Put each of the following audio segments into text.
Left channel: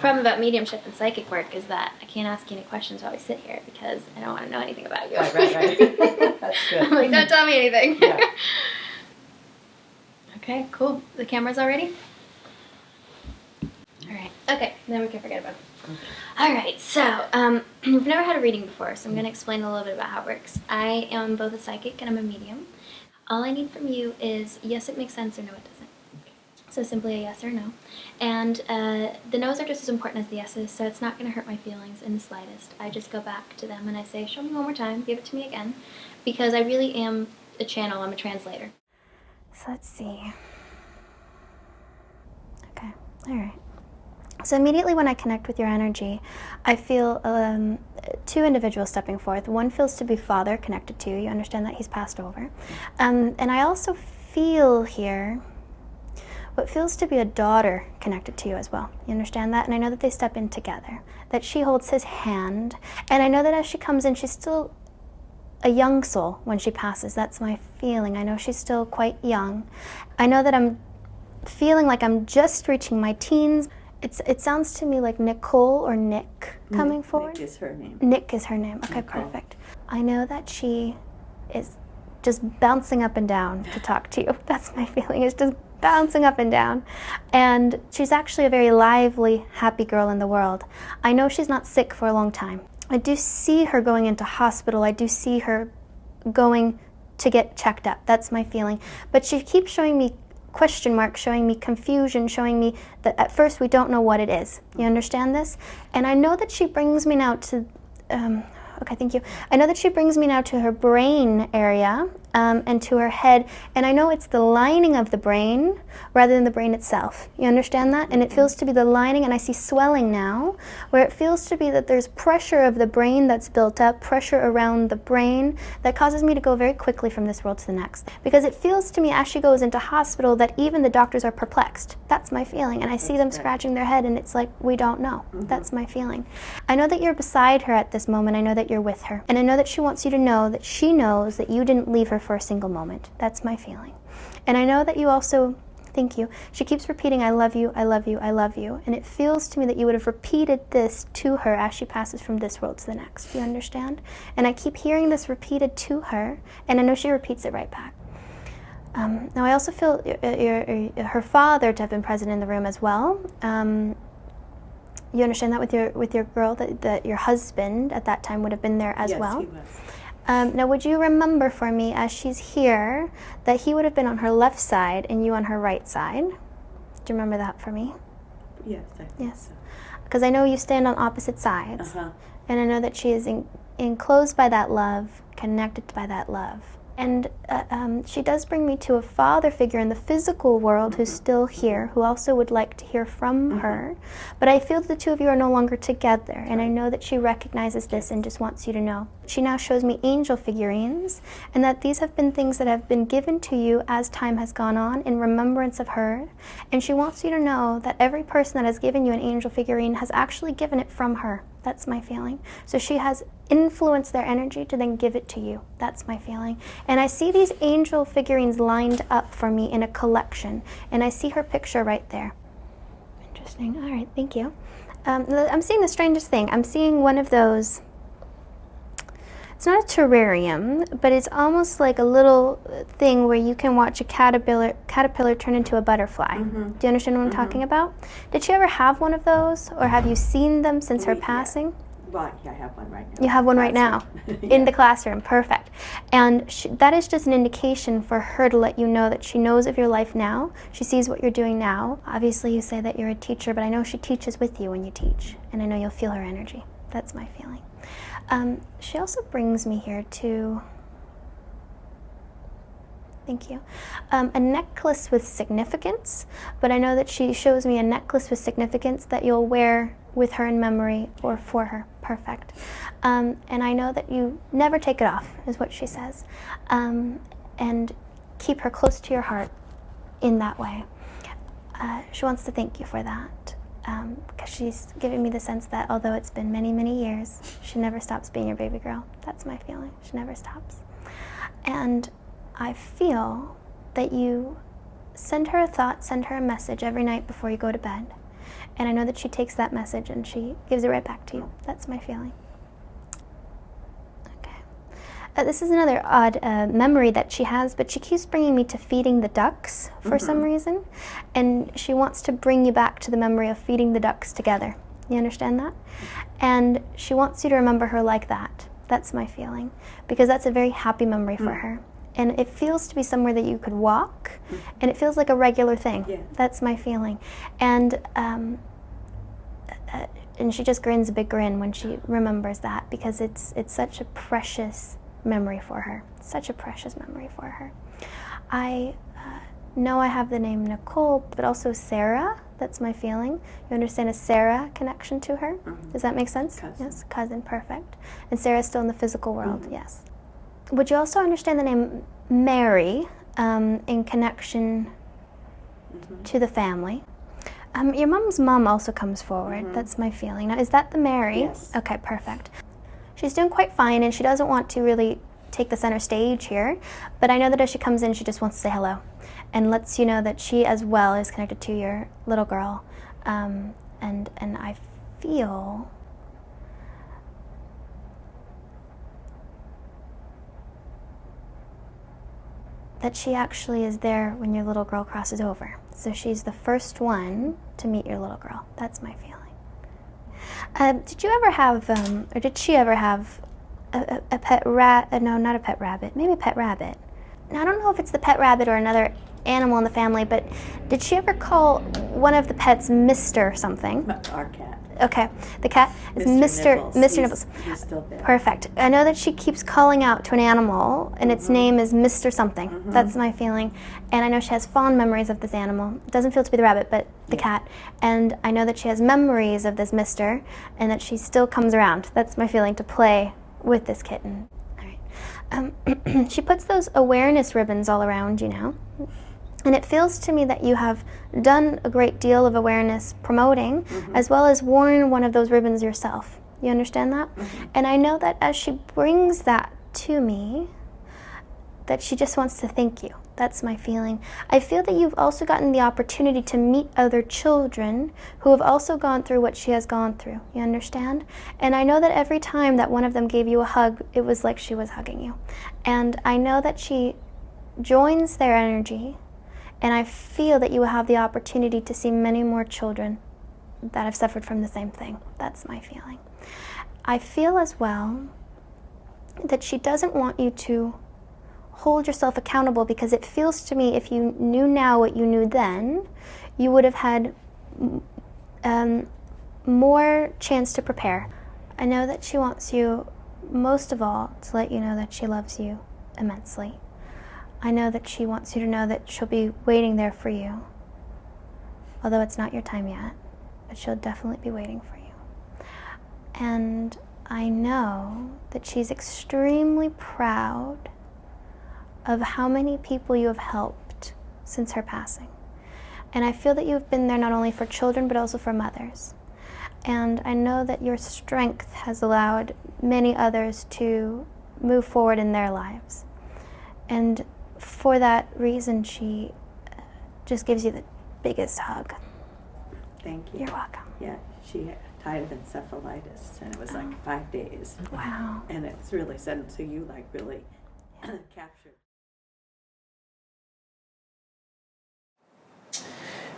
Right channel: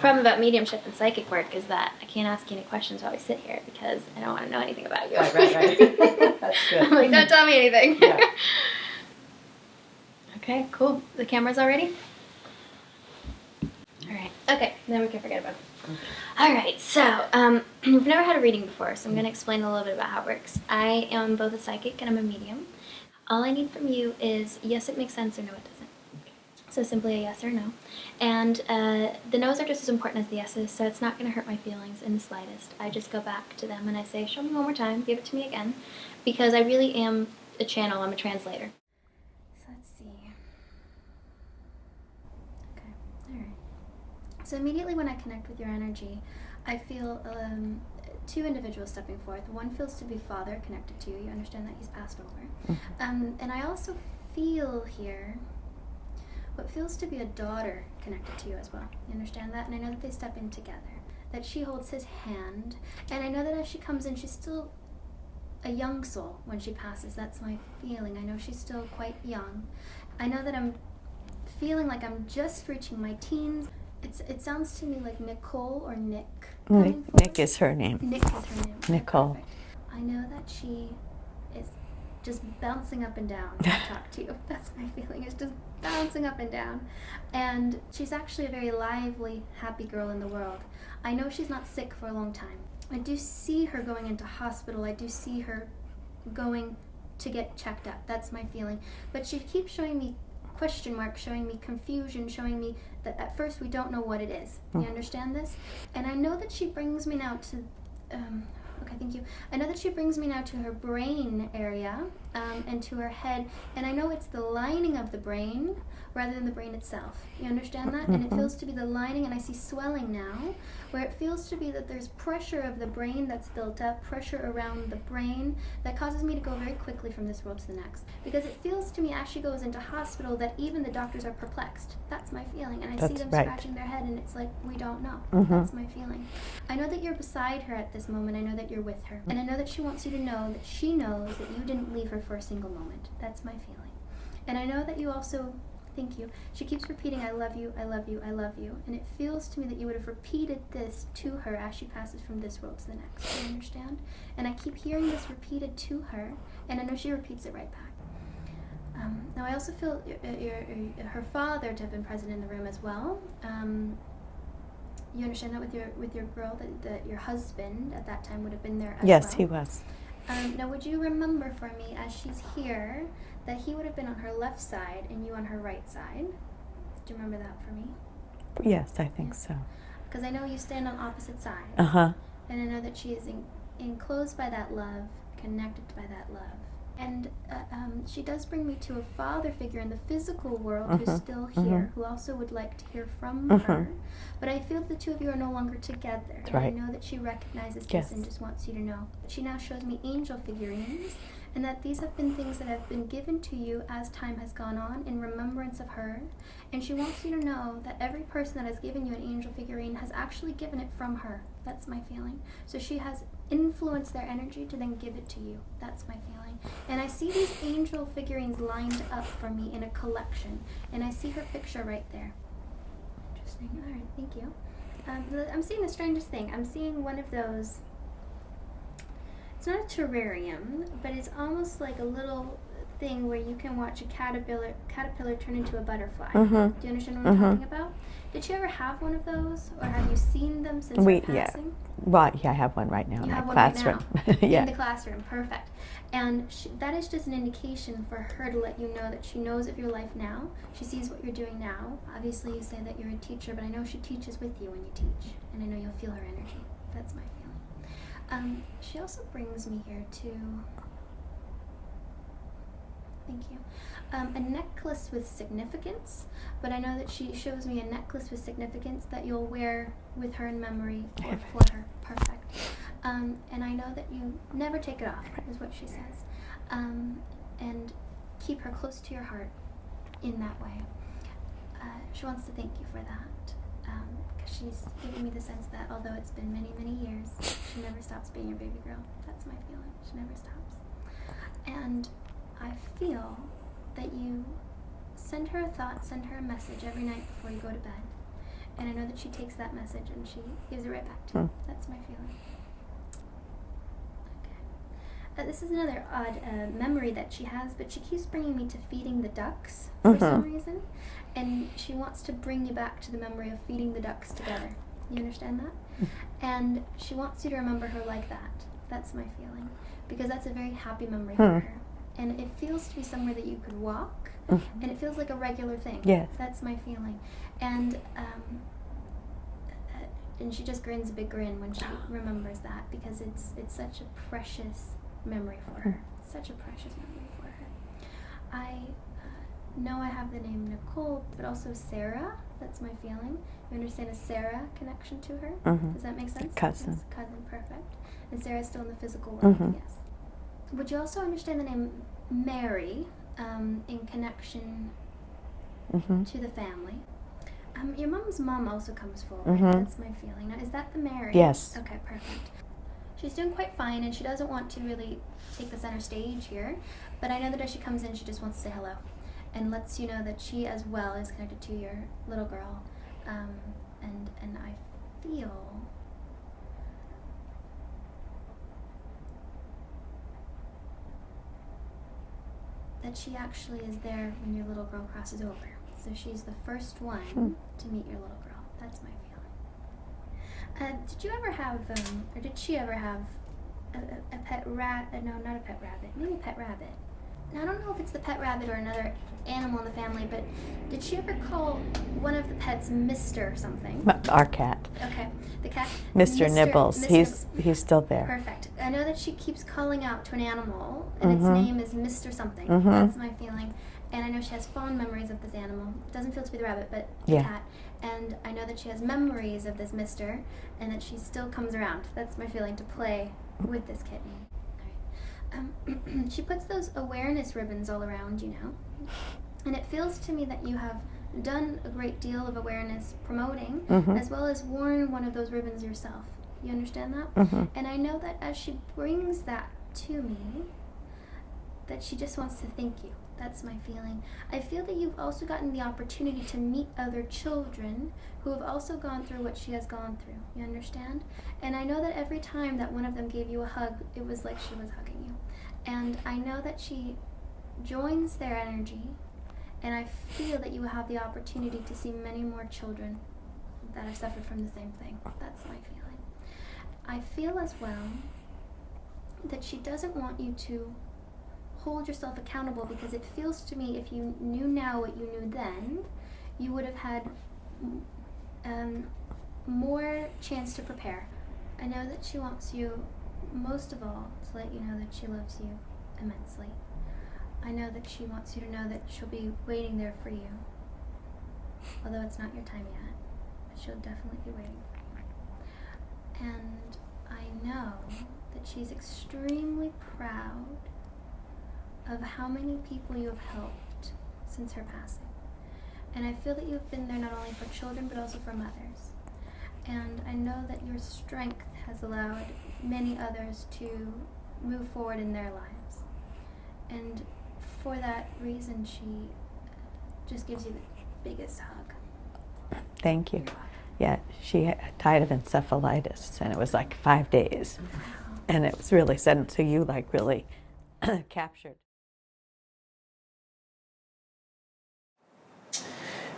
problem about mediumship and psychic work is that I can't ask you any questions while we sit here because I don't want to know anything about you. Right. That's good. I'm like, don't tell me anything. Yeah. Okay, cool. The camera's all ready? All right. Okay, then we can forget about it. Okay. All right, so we've never had a reading before, so I'm going to explain a little bit about how it works. I am both a psychic and I'm a medium. All I need from you is yes, it makes sense, or no, it doesn't. So simply a yes or no. And the no's are just as important as the yeses, so it's not going to hurt my feelings in the slightest. I just go back to them and I say, show me one more time, give it to me again, because I really am a channel, I'm a translator. So let's see. Okay, all right. So immediately when I connect with your energy, I feel two individuals stepping forth. One feels to be father connected to you. You understand that he's passed over. And I also feel here what feels to be a daughter connected to you as well. You understand that? And I know that they step in together, that she holds his hand. And I know that as she comes in, she's still a young soul when she passes. That's my feeling. I know she's still quite young. I know that I'm feeling like I'm just reaching my teens. It sounds to me like Nicole or Nick coming forward. Nick is her name. Nick is her name. Okay, Nicole. perfect. I know that she is just bouncing up and down to talk to you. That's my feeling. It's just bouncing up and down. And she's actually a very lively, happy girl in the world. I know she's not sick for a long time. I do see her going into hospital. I do see her going to get checked up. That's my feeling. But she keeps showing me question marks, showing me confusion, showing me that at first we don't know what it is. You understand this? And I know that she brings me now to, okay, thank you. I know that she brings me now to her brain area and to her head, and I know it's the lining of the brain rather than the brain itself. You understand that? And it feels to be the lining, and I see swelling now, where it feels to be that there's pressure of the brain that's built up, pressure around the brain that causes me to go very quickly from this world to the next. Because it feels to me as she goes into hospital that even the doctors are perplexed. That's my feeling. And I see them scratching their head, and it's like, we don't know. That's my feeling. I know that you're beside her at this moment. I know that you're with her. And I know that she wants you to know that she knows that you didn't leave her for a single moment. That's my feeling. And I know that you also, thank you, she keeps repeating, I love you, I love you, I love you. And it feels to me that you would have repeated this to her as she passes from this world to the next. Do you understand? And I keep hearing this repeated to her, and I know she repeats it right back. Now I also feel her father to have been present in the room as well. You understand that with your girl, that your husband at that time would have been there as well? Yes, he was. Now, would you remember for me, as she's here, that he would have been on her left side and you on her right side? Do you remember that for me? Yes, I think so. Because I know you stand on opposite sides. And I know that she is enclosed by that love, connected by that love. And she does bring me to a father figure in the physical world who's still here, who also would like to hear from her. But I feel the two of you are no longer together, and I know that she recognizes this and just wants you to know. She now shows me angel figurines, and that these have been things that have been given to you as time has gone on in remembrance of her. And she wants you to know that every person that has given you an angel figurine has actually given it from her. That's my feeling. So she has influenced their energy to then give it to you. That's my feeling. And I see these angel figurines lined up for me in a collection, and I see her picture right there. Interesting. All right, thank you. I'm seeing the strangest thing. I'm seeing one of those, it's not a terrarium, but it's almost like a little thing where you can watch a caterpillar turn into a butterfly. Do you understand what I'm talking about? Did she ever have one of those, or have you seen them since her passing? Yeah. Well, yeah, I have one right now. You have one right now in Yeah. the classroom. Perfect. And that is just an indication for her to let you know that she knows of your life now. She sees what you're doing now. Obviously, you say that you're a teacher, but I know she teaches with you when you teach, and I know you'll feel her energy. That's my feeling. She also brings me here to, thank you, a necklace with significance, but I know that she shows me a necklace with significance that you'll wear with her in memory or for her. Perfect. And I know that you never take it off, is what she says, and keep her close to your heart in that way. She wants to thank you for that. Because she's giving me the sense that although it's been many, many years, she never stops being your baby girl. That's my feeling. She never stops. And I feel that you send her a thought, send her a message every night before you go to bed. And I know that she takes that message and she gives it right back to you. That's my feeling. Okay. This is another odd memory that she has, but she keeps bringing me to feeding the ducks for some reason. And she wants to bring you back to the memory of feeding the ducks together. You understand that? And she wants you to remember her like that. That's my feeling. Because that's a very happy memory for her. And it feels to be somewhere that you could walk, and it feels like a regular thing. Yeah. That's my feeling. And she just grins a big grin when she remembers that, because it's such a precious memory for her. Such a precious memory for her. I know I have the name Nicole, but also Sarah. That's my feeling. You understand a Sarah connection to her? Does that make sense? Cousin. Yes, cousin, perfect. And Sarah's still in the physical world, yes. Would you also understand the name Mary in connection to the family? Your mom's mom also comes forward. That's my feeling. Now, is that the Mary? Yes. Okay, perfect. She's doing quite fine, and she doesn't want to really take the center stage here, but I know that as she comes in, she just wants to say hello and lets you know that she as well is connected to your little girl. And I feel that she actually is there when your little girl crosses over. So she's the first one to meet your little girl. That's my feeling. Did you ever have, or did she ever have a pet rat? No, not a pet rabbit. Maybe a pet rabbit. Now, I don't know if it's the pet rabbit or another animal in the family, but did she ever call one of the pets Mr. something? Our cat. Okay, the cat is Mr. Nibbles. Mr. Nibbles. He's still there. Perfect. I know that she keeps calling out to an animal, and its name is Mr. something. That's my feeling. And I know she has fond memories of this animal. It doesn't feel to be the rabbit, but the cat. And I know that she has memories of this Mr., and that she still comes around. That's my feeling, to play with this kitten. All right. She puts those awareness ribbons all around you now. And it feels to me that you have done a great deal of awareness promoting, as well as worn one of those ribbons yourself. You understand that? And I know that as she brings that to me, that she just wants to thank you. That's my feeling. I feel that you've also gotten the opportunity to meet other children who have also gone through what she has gone through. You understand? And I know that every time that one of them gave you a hug, it was like she was hugging you. And I know that she joins their energy. And I feel that you will have the opportunity to see many more children that have suffered from the same thing. That's my feeling. I feel as well that she doesn't want you to hold yourself accountable, because it feels to me if you knew now what you knew then, you would have had more chance to prepare. I know that she wants you, most of all, to let you know that she loves you immensely. I know that she wants you to know that she'll be waiting there for you. Although it's not your time yet, but she'll definitely be waiting for you. And I know that she's extremely proud of how many people you have helped since her passing. And I feel that you've been there not only for children, but also for mothers. And I know that your strength has allowed many others to move forward in their lives. And for that reason, she just gives you the biggest hug. Thank you. You're welcome. Yeah, she died of encephalitis, and it was like 5 days. Wow. And it was really sudden, so you like really captured.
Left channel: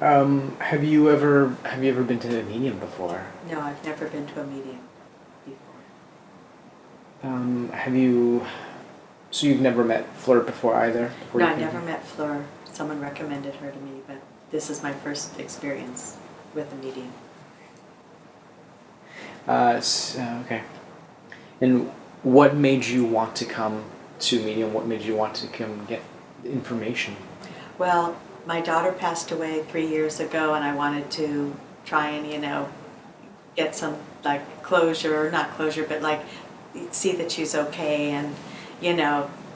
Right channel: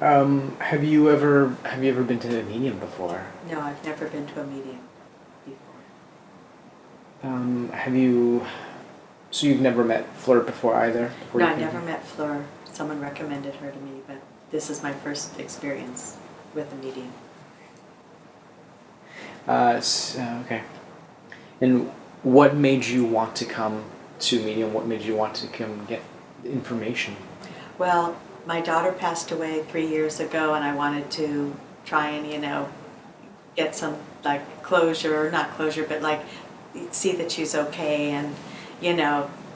Have you ever been to a medium before? No, I've never been to a medium before. So you've never met Fleur before either? No, I never met Fleur. Someone recommended her to me, but this is my first experience with a medium. Okay. And what made you want to come to medium? What made you want to come get information? Well, my daughter passed away 3 years ago, and I wanted to try and, get some, closure, or not closure, but, see that she's okay and,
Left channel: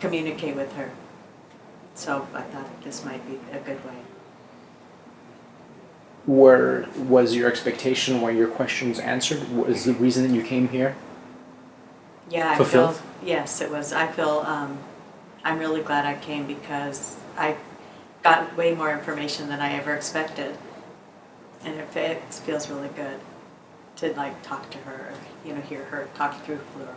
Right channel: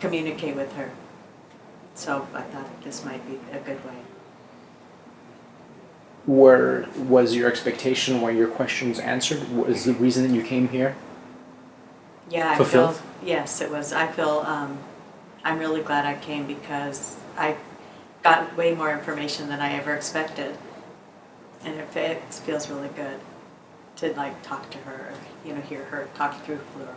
communicate with her. So I thought this might be a good way. Was your expectation, were your questions answered? Was the reason that you came here Yeah, fulfilled? Yes, it was. I feel, I'm really glad I came because I got way more information than I ever expected and it feels really good to like talk to her, hear her talk through Fleur.